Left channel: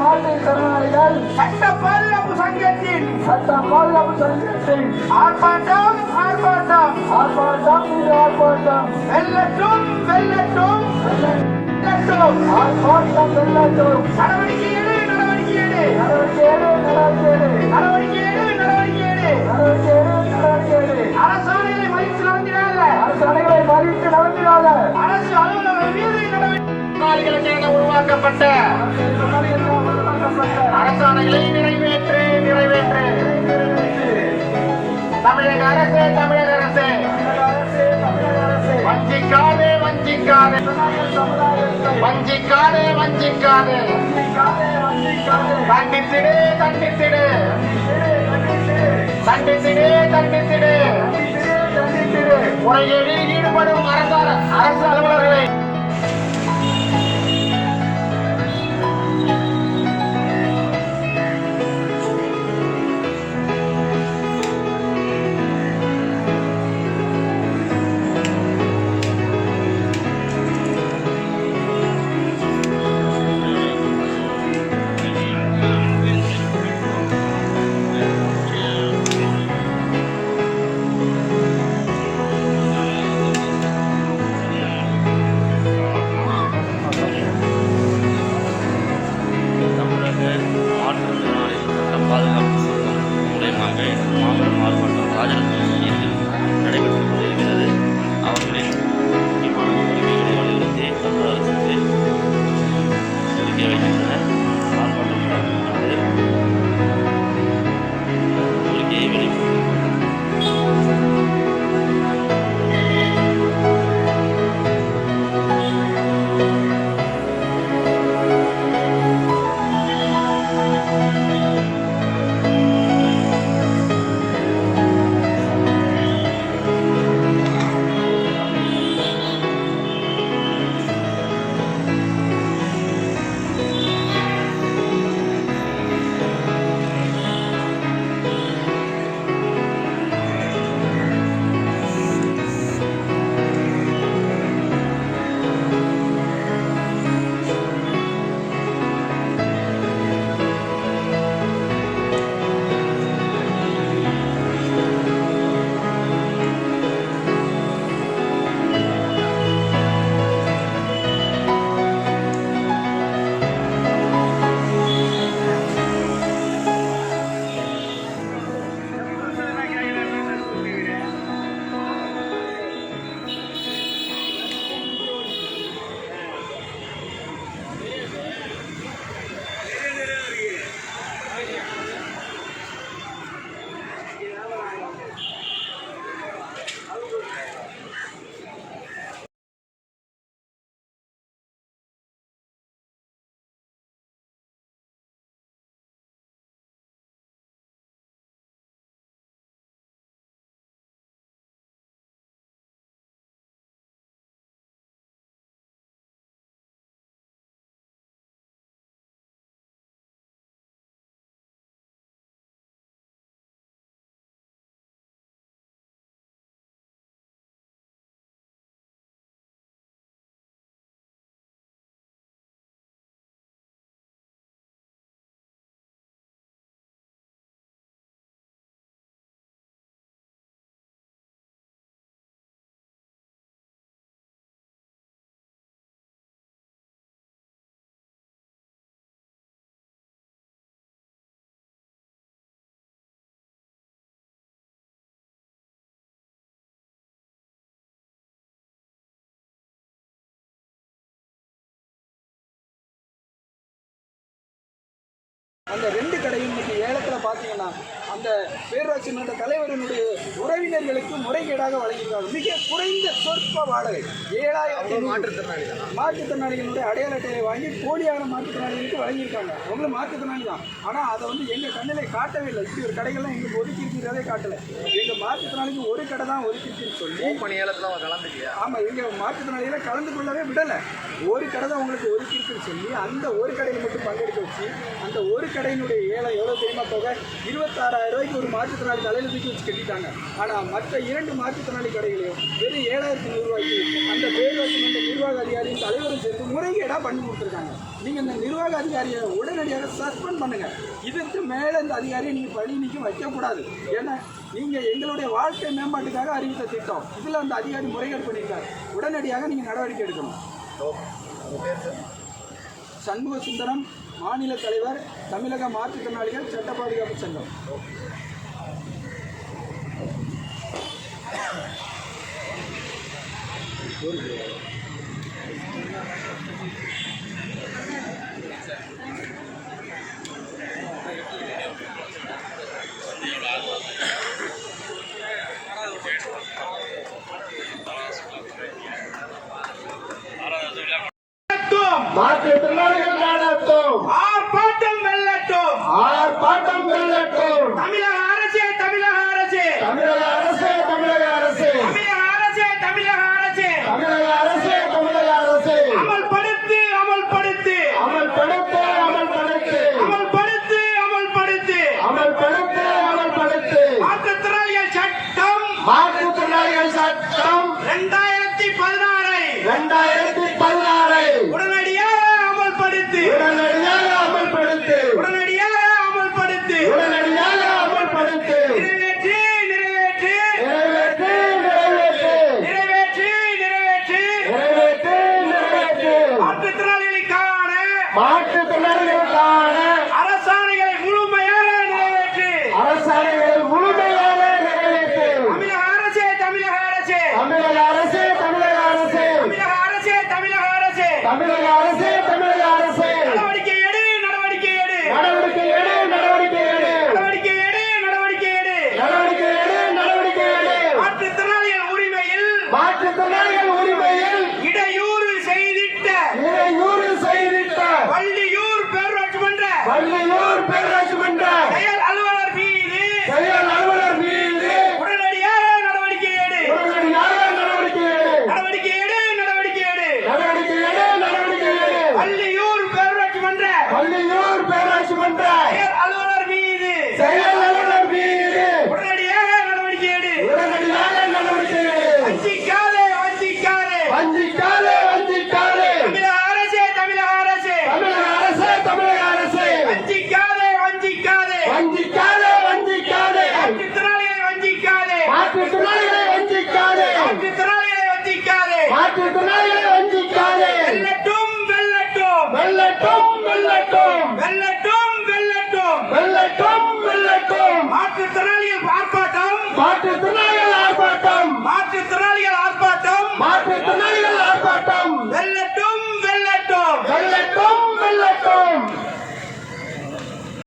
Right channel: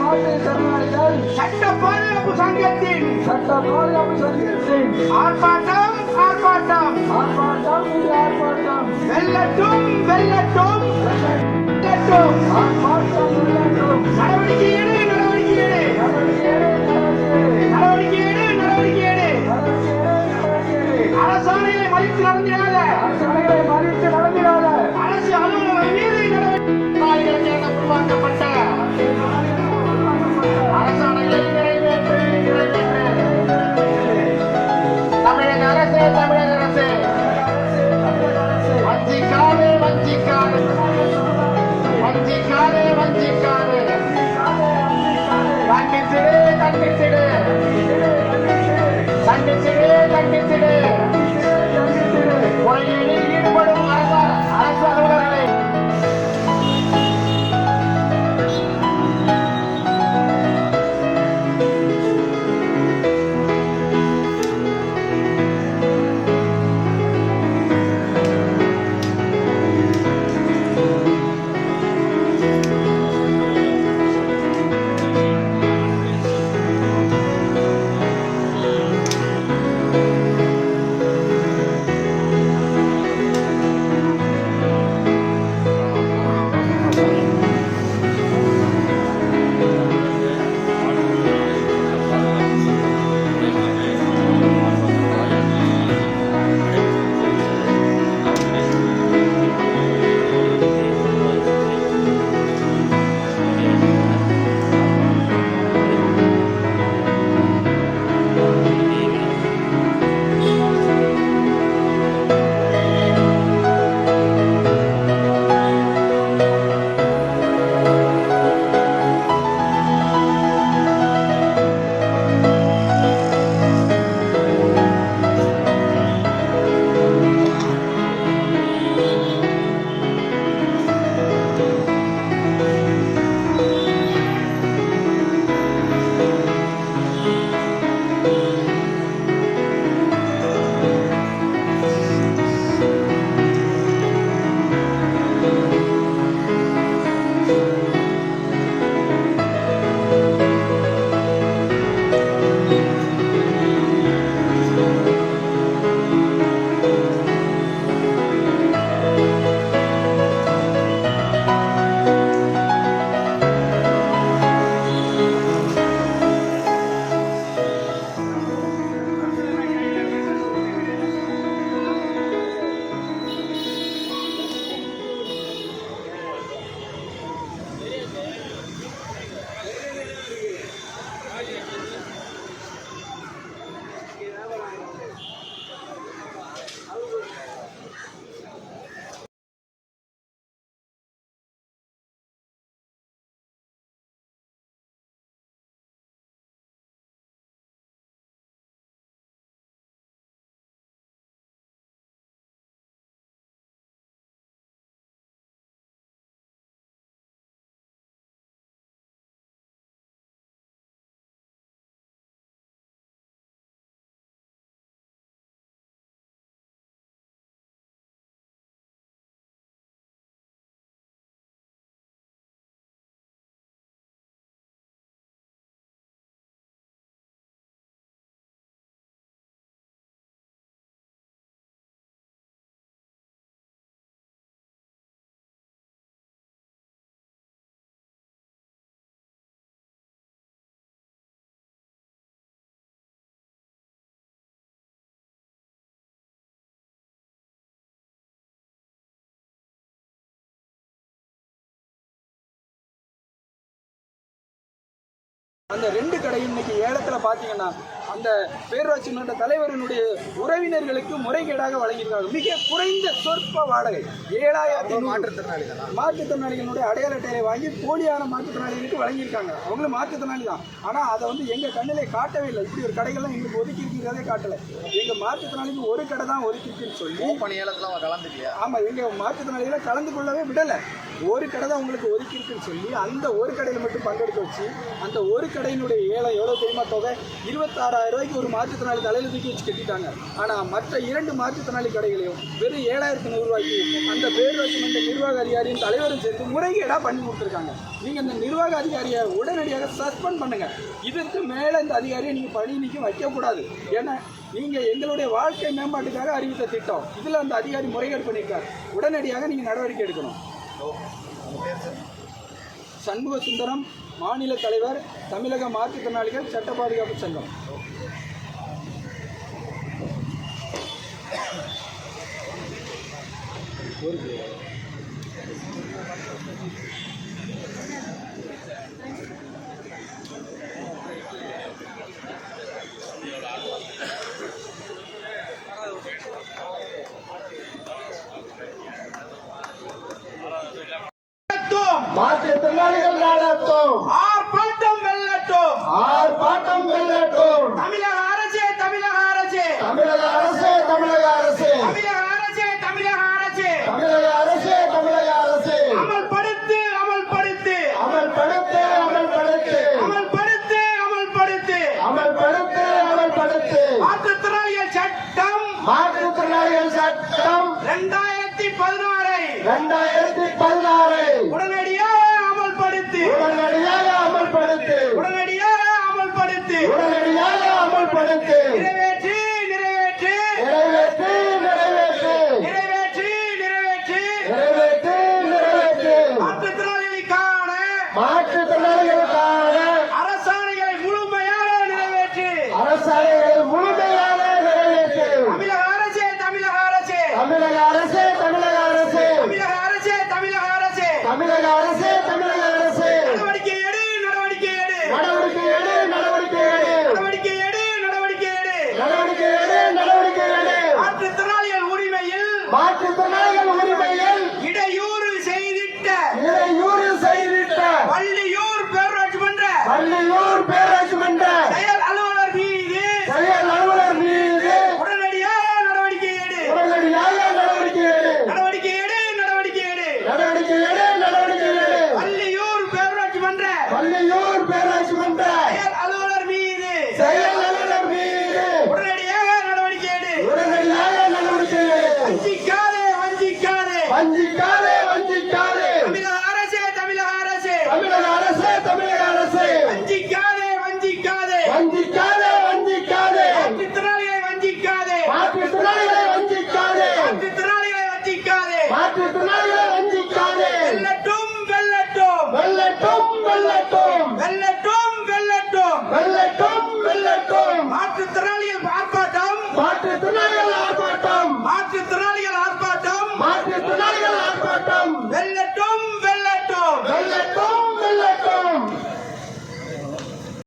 மாற்றுத்திறனாளிகள் சட்ட பாதுகாப்பு சங்கத்தின் ஆர்ப்பாட்டம் ஆர்ப்பாட்டம் வெல்லட்டும் வெல்லட்டும் வெல்லட்டும் ஆர்ப்பாட்டம் வெல்லட்டும். நடவடிக்கை எடு நடவடிக்கை எடு நடவடிக்கை எடு நடவடிக்கை எடு அரசாணைகளை மதித்து நடந்திடாத அரசு அலுவலகம் மீது நடவடிக்கை உருவாக்கப்பட்ட அரசாணைகளை நிறைவேற்று நிறைவேற்று. தமிழக அரசு வஞ்சிக்காதே வஞ்சிக்காதே வஞ்சிக்காதே வஞ்சிக்காதே. தண்டித்திடு தண்டித்திடு தண்டித்திடு தண்டித்திடு. முறைகேடில் ஈடுபடும் அரசு அலுவலர்களை அந்த 2 கடையும் இன்னைக்கு ஏலத்தில் பார்த்தீங்கன்னா அந்த பேரூராட்சி மன்ற தலைவர்களுடைய உறவினர்களுக்கு முறைகேடாக வழங்கியிருக்காங்க. மிக குறைந்த சொற்ப வாடகை 7000 மாற்றுத்திறனாளிகளுடைய அடையாள அட்டையை வாங்கி போலியான மாற்றுத்திறனாளிகளுக்கு வழங்கியிருக்காங்க. அவங்களும் மாற்றுத்திறனாளி தான், ஆனால் அதை எங்கள் கண்ணிலே காட்டவே இல்லை. இப்படி ஒரு கடைகள்லாம் எங்களுக்கு ஒதுக்கி இருக்கிறதே காட்டலை. எங்கள் மாற்றுத்திறனாளிக்கு ஒரு கடை தான் ஒதுக்கிருக்குன்னு சொல்லி பணியாளர்கள் கலந்துக்கல. ஆமாம், எங்கள் மாற்றுத்திறனாளிகளை கலந்து கொள்ளவே விடலை. ஒரு கடை தான் உங்களுக்கு ஒதுக்கி இருக்குன்னு சொல்லி அந்த ஒரு கடையில் மட்டும் பங்கெடுக்க வச்சு அந்த ஒரு கடையினுடைய ஏலம் எவ்வளோ தெரியுமா தொகை? 26,000 ரூபாய்க்கு ஒரு மாற்றுத்திறனாளி தலையில் தூக்கி வச்சு கட்டிட்டாங்க. ஆனால் மற்ற 2 மாற்றுத்திறனாளி கடைகளையும் வெறும் 7,100 ரூபாய்க்கு அந்த பேரூராட்சி மன்ற நிர்வாக அதிகாரியும் தலைவரும் சேர்த்து முறைகேடாக பண்ணி கொடுத்துருக்காங்க. நீங்கள் இந்த நிர்வாக அதிகாரியை உடனடியாக சஸ்பெண்ட் பண்ணுங்க. இதற்கு மேலே இந்த அதிகாரியை நீங்கள் பணி நீக்கம் வைக்கக்கூடாது. ஏன்னா நீங்கள் எங்களுடைய வாழ்க்கை மேம்பாட்டுக்காக அறிவித்த திட்டம், இதில் அந்த அதிகாரி முறைகேடு பண்ணியிருக்காரு. உடனடியாக நீங்கள் நடவடிக்கை எடுக்கணும். சண்முக சுந்தரம், மாநில தலைவர், தமிழக மாற்றுத்திறனாளிகள் சட்ட பாதுகாப்பு சங்கம். மாற்றுத்திறனாளிகள் நடத்தும் ஆர்ப்பாட்டம் வெல்லட்டும், ஆர்ப்பாட்டம் வெல்லட்டும். தமிழக அரசே, தமிழக அரசே, தமிழக அரசே, தமிழக அரசே, தமிழக அரசே, தமிழக அரசே, தமிழக அரசே, தமிழக அரசே, அமல்படுத்து, அமல்படுத்து, அமல்படுத்து, அமல்படுத்து, அமல்படுத்து, அமல்படுத்து, அமல்படுத்து, அமல்படுத்து. மாற்றுத்திறனாளிகள் சட்டம் மாற்றுத்திறனாளிகள் சட்டம் 2016 உடனடியாக அமல்படுத்து, உடனடியாக அமல்படுத்து, உடனடியாக அமல்படுத்து, உடனடியாக அமல்படுத்து. நிறைவேற்று, நிறைவேற்று, நிறைவேற்று, நிறைவேற்று, நிறைவேற்று, நிறைவேற்று, நிறைவேற்று, நிறைவேற்று. மாற்றுத்திறனாளிகளுக்கான மாற்றுத்திறனாளிகளுக்கான அரசாணைகளை முழுமையாக நிறைவேற்று. அரசாணைகளை முழுமையாக நிறைவேற்று. தமிழக அரசே, தமிழக அரசே, தமிழக அரசே, தமிழக அரசே, தமிழக அரசே, தமிழக அரசே, தமிழக அரசே, தமிழக அரசே. நடவடிக்கை எடு, நடவடிக்கை எடு, நடவடிக்கை எடு, நடவடிக்கை எடு, நடவடிக்கை எடு, நடவடிக்கை எடு. நடவடிக்கை எடு, நடவடிக்கை எடு. மாற்றுத்திறனாளிகள் உரிமையில் மாற்றுத்திறனாளிகள் உரிமையில் இடையூறு செய்திட்ட இடையூறு செய்திட்ட வள்ளியூர் பேரூராட்சி மன்ற வள்ளியூர் பேரூராட்சி மன்ற செயல் அலுவலர் மீது செயல் அலுவலர் மீது உடனடியாக நடவடிக்கை எடு, உடனடியாக நடவடிக்கை எடு. நடவடிக்கை எடு, நடவடிக்கை எடு. நடவடிக்கை எடு, நடவடிக்கை எடு. வள்ளியூர் பேரூராட்சி மன்ற வள்ளியூர் பேரூராட்சி மன்ற செயல் அலுவலர் மீது செயல் அலுவலர் மீது உடனடியாக நடவடிக்கை எடு. உடனடியாக நடவடிக்கை எடு. வஞ்சிக்காதே, வஞ்சிக்காதே. வஞ்சிக்காதே, வஞ்சிக்காதே. தமிழக அரசே, தமிழக அரசே, தமிழக அரசே, தமிழக அரசே. வஞ்சிக்காதே, வஞ்சிக்காதே. வஞ்சிக்காதே, வஞ்சிக்காதே. மாற்றுத்திறனாளிகளை வஞ்சிக்காதே, மாற்றுத்திறனாளிகளை வஞ்சிக்காதே. மாற்றுத்திறனாளிகளை வஞ்சிக்காதே. மாற்றுத்திறனாளிகளை வஞ்சிக்காதே. வெல்லட்டும், வெல்லட்டும், வெல்லட்டும், வெல்லட்டும். வெல்லட்டும்.